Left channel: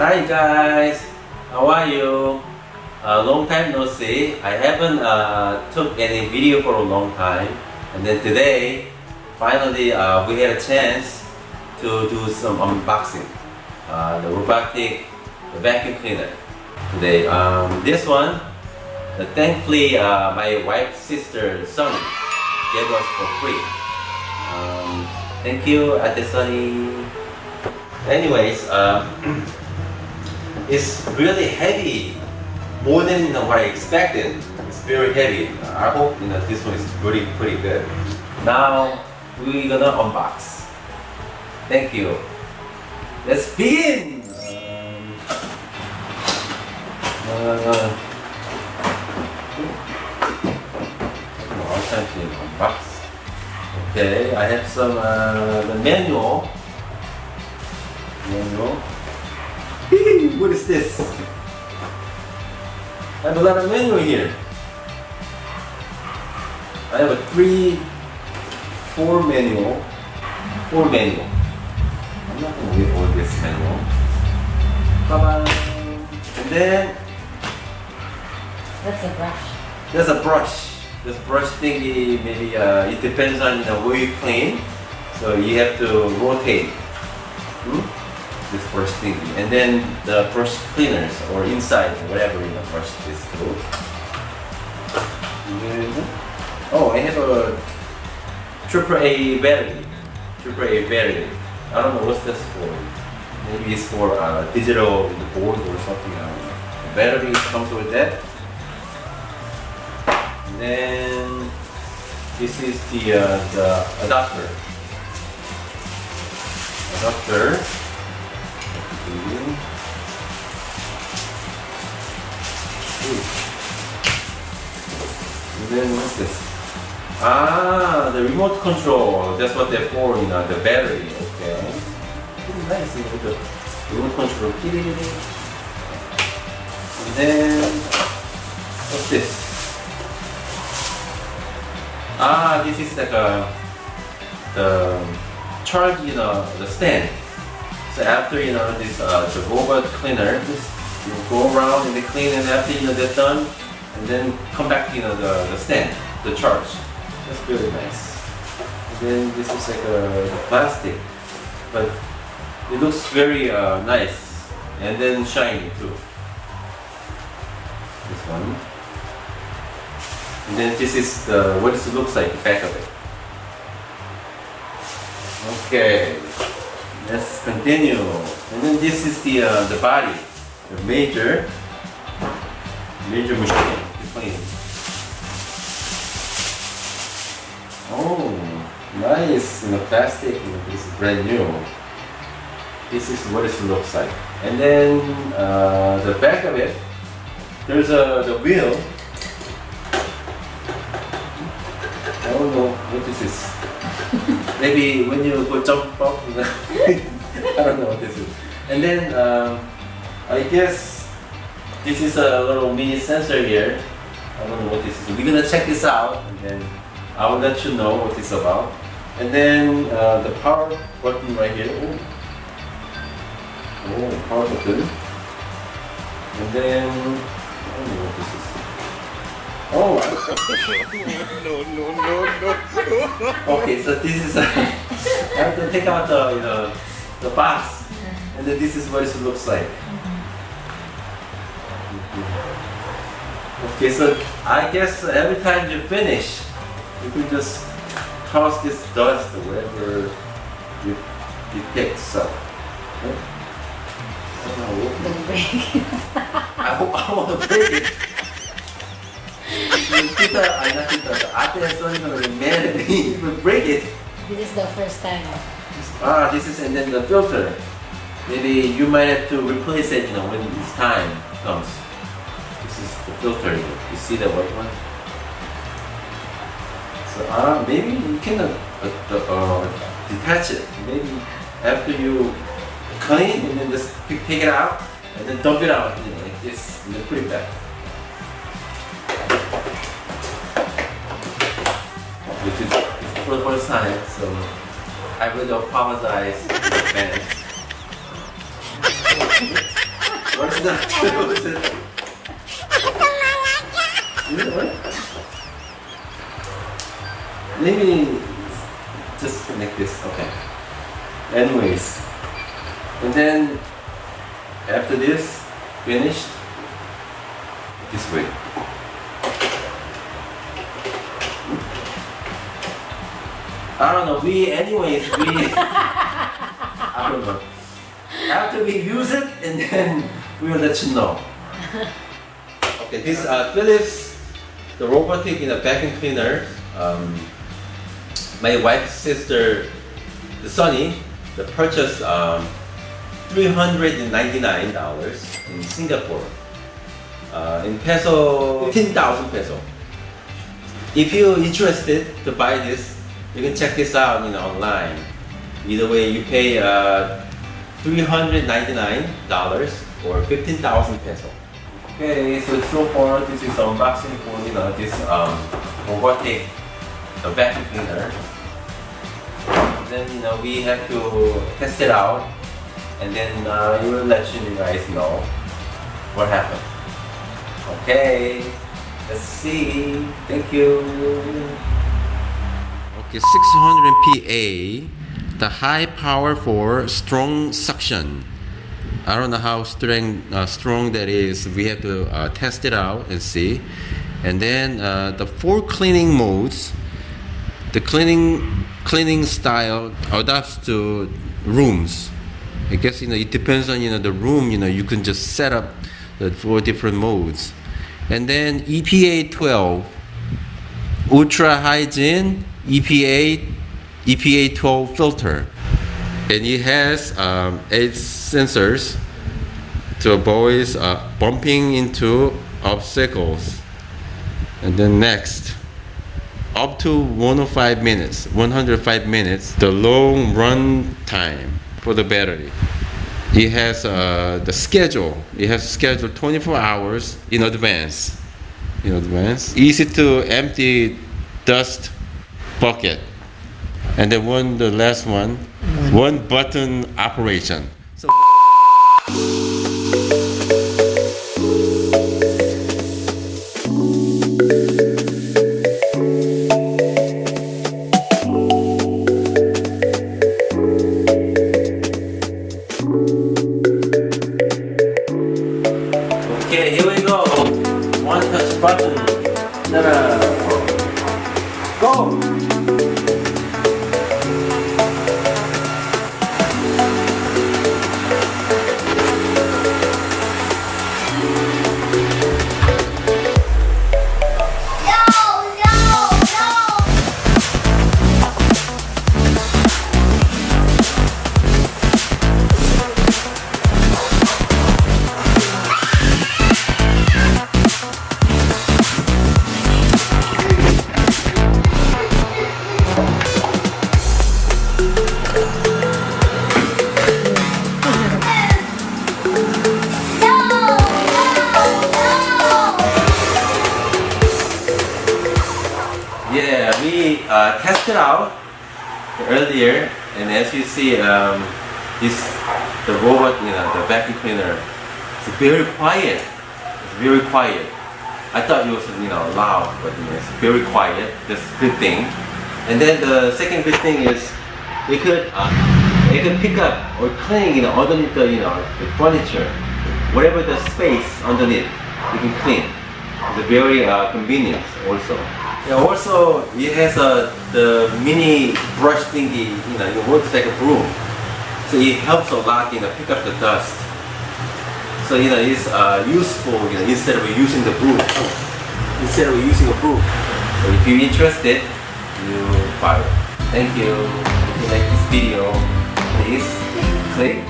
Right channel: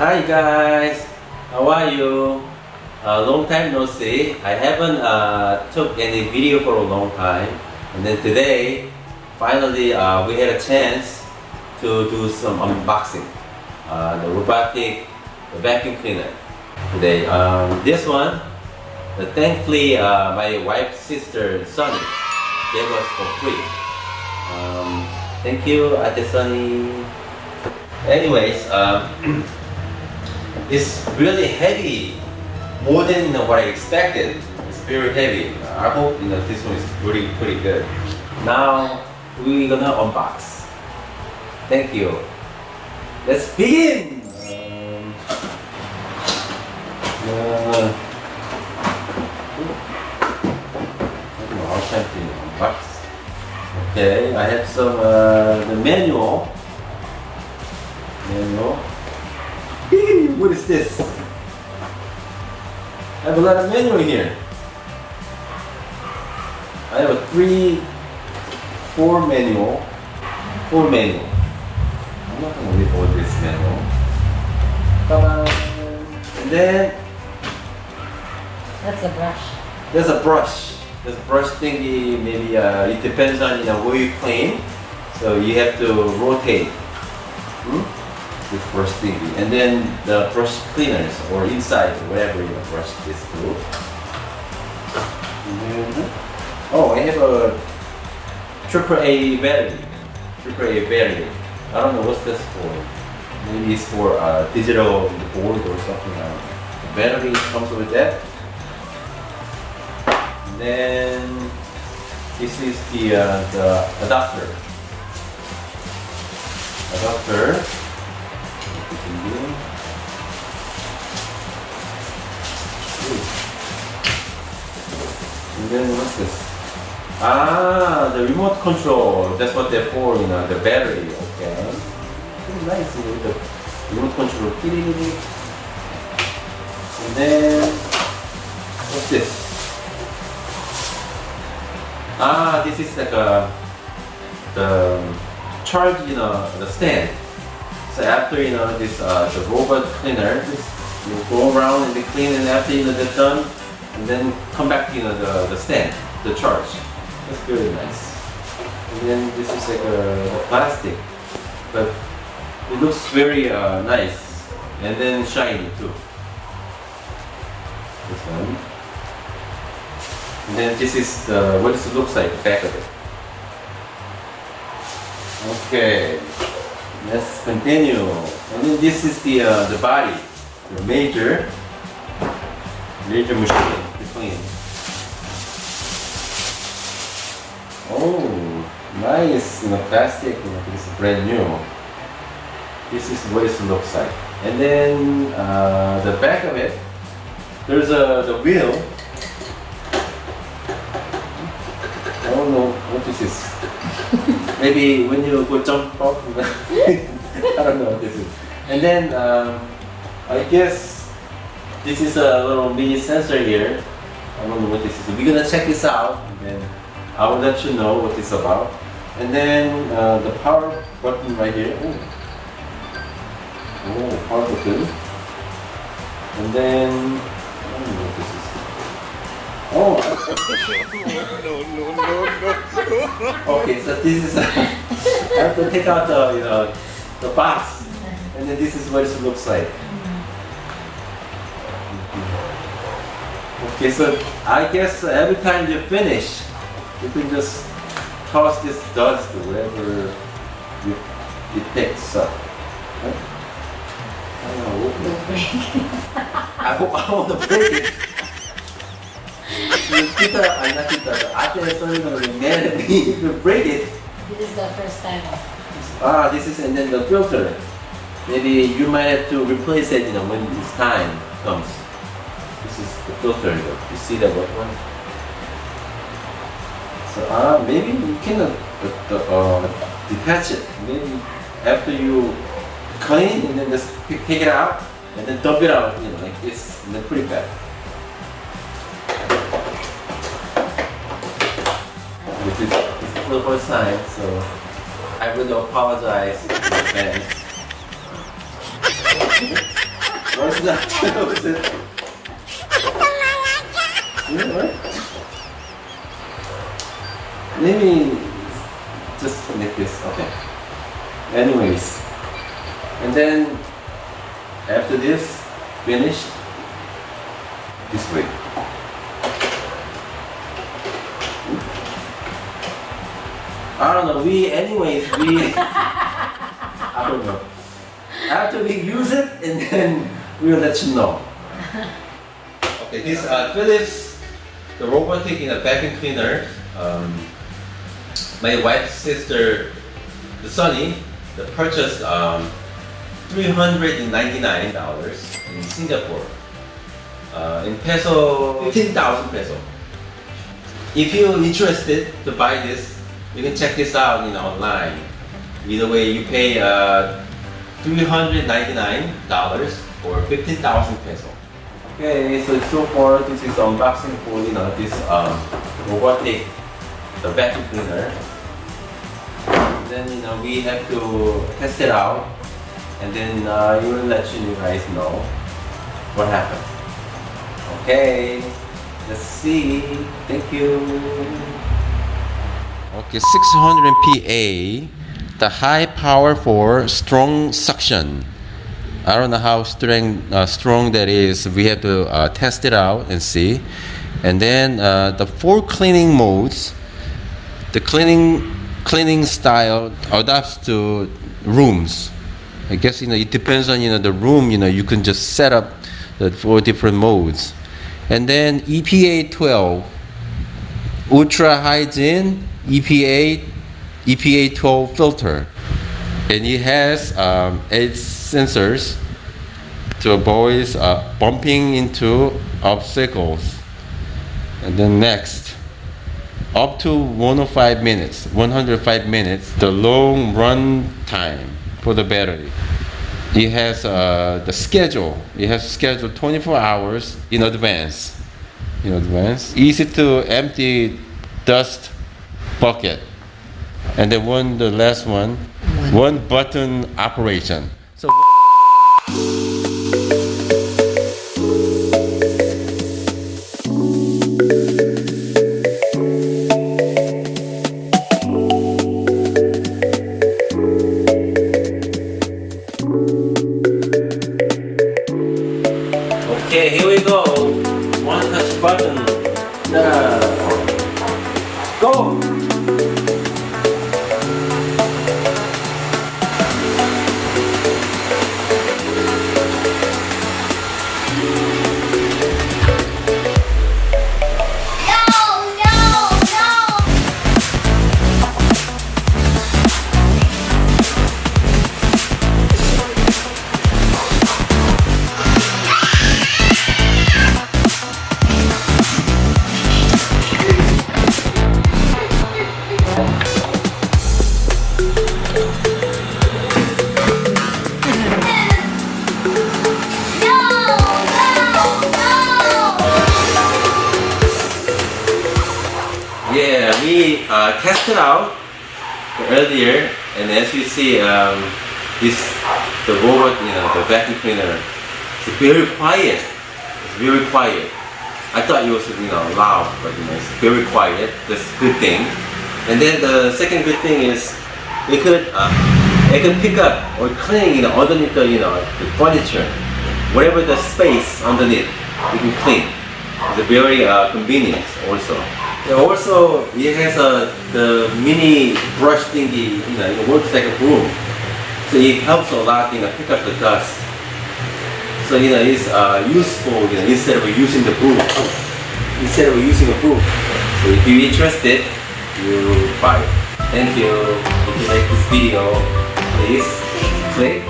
Hi guys, how are you? Long time no see. I haven't took any video for a long time, and then today, finally, we had a chance to do some unboxing. The robotic, the vacuum cleaner. Today, this one, thankfully, my wife's sister Sunny gave us for free. Thank you, Ate Sunny. Anyways, it's really heavy, more than what I expected. It's very heavy. I hope this one is pretty good. Now we're gonna unbox. Thank you. Let's begin. I don't know how time to unbox. Okay, I have some the manual. What is this? I have a lot of manual here. I have a 4 manual. I'm not gonna read all this manual. Bye-bye. And then That's a brush. there's a brush. This brush thingy, maybe it depends on where you clean. So you have to rotate. This brush thingy, and then the brush cleaners or inside whatever in the brush is too. And then, oh, I have a AAA battery. AAA battery. I don't know what's this for. Maybe it's for digital board or something. I don't know. The battery comes with that. And then this is the adapter. And then what's this? The remote control. That's what they're for, the battery. Okay. Pretty nice, the remote control. And then what's this? This is like the charge, the stand. So after this the robot cleaner, you go around and they clean, and after they're done, and then come back to the stand, the charge. That's very nice. And then this is like a plastic, but it looks very nice and then shiny too. This one. And then this is what it looks like, the back of it. Okay. Let's continue. And then this is the body, the major machine to clean. Oh, nice, plastic. This is brand new. This is what it looks like. And then the back of it, there's the wheel. I don't know what this is. Maybe when you go jump up, I don't know what this is. And then I guess this is a little mini sensor here. I don't know what this is. We're gonna check this out, and then I will let you know what it's about. And then the power button right here. Oh, power button. And then I don't know what this is. Oh! No. Okay, so this is I have to take out the box, and then this is what it looks like. Okay, so I guess every time you finish, you can just toss this dust wherever it picks up. Right? I hope I want to break it. I'm not Tita. Ate is only gonna be mad at me if we break it. This is the first time. This is, and then the filter. Maybe you might have to replace it, when this time comes. This is the filter. You see the white one? So maybe you can detach it. Maybe after you clean, and then just take it out, and then dump it out. Like this, and then put it back. This is for the first time, so I really apologize in advance. What's that? What's it? What? Maybe just like this. Okay. Anyways, and then after this finished, this way. I don't know. Anyways, I don't know. After we use it, and then we'll let you know. Okay, this Philips, the robotic vacuum cleaner. My wife's sister, the Sunny, they purchased $399 in Singapore. In peso, 15,000 peso. If you're interested to buy this, you can check this out online. Either way, you pay $399 or 15,000 peso. Okay, so far this is unboxing for this robotic vacuum cleaner. Then we have to test it out, and then we will let you guys know what happened. Okay, let's see. Thank you. Okay, 600 PA, the high power for strong suction. I don't know how strong that is. We have to test it out and see. And then the 4 cleaning modes. The cleaning style adapts to rooms. I guess it depends on the room. You can just set up the 4 different modes. And then EPA 12, ultra hygiene EPA 12 filter, and it has 8 sensors to avoid bumping into obstacles. And then next, up to 105 minutes, the long run time for the battery. It has the schedule. It has scheduled 24 hours in advance. Easy to empty dust bucket. And then the last one, one button operation. So okay, here we go. One touch button. Go! Yeah, we tested out earlier, and as you see, the robot, the vacuum cleaner, it's very quiet. It's very quiet. I thought it was loud, but it's very quiet. That's a good thing. And then the second good thing is it could pick up or clean underneath the furniture, whatever the space underneath, you can clean. It's a very convenient also. Yeah, also, it has the mini brush thingy, it works like a broom. So it helps a lot, pick up the dust. So, it's useful, instead of using the broom. Instead of using a broom. So if you're interested, you buy it. Thank you. If you like this video, please click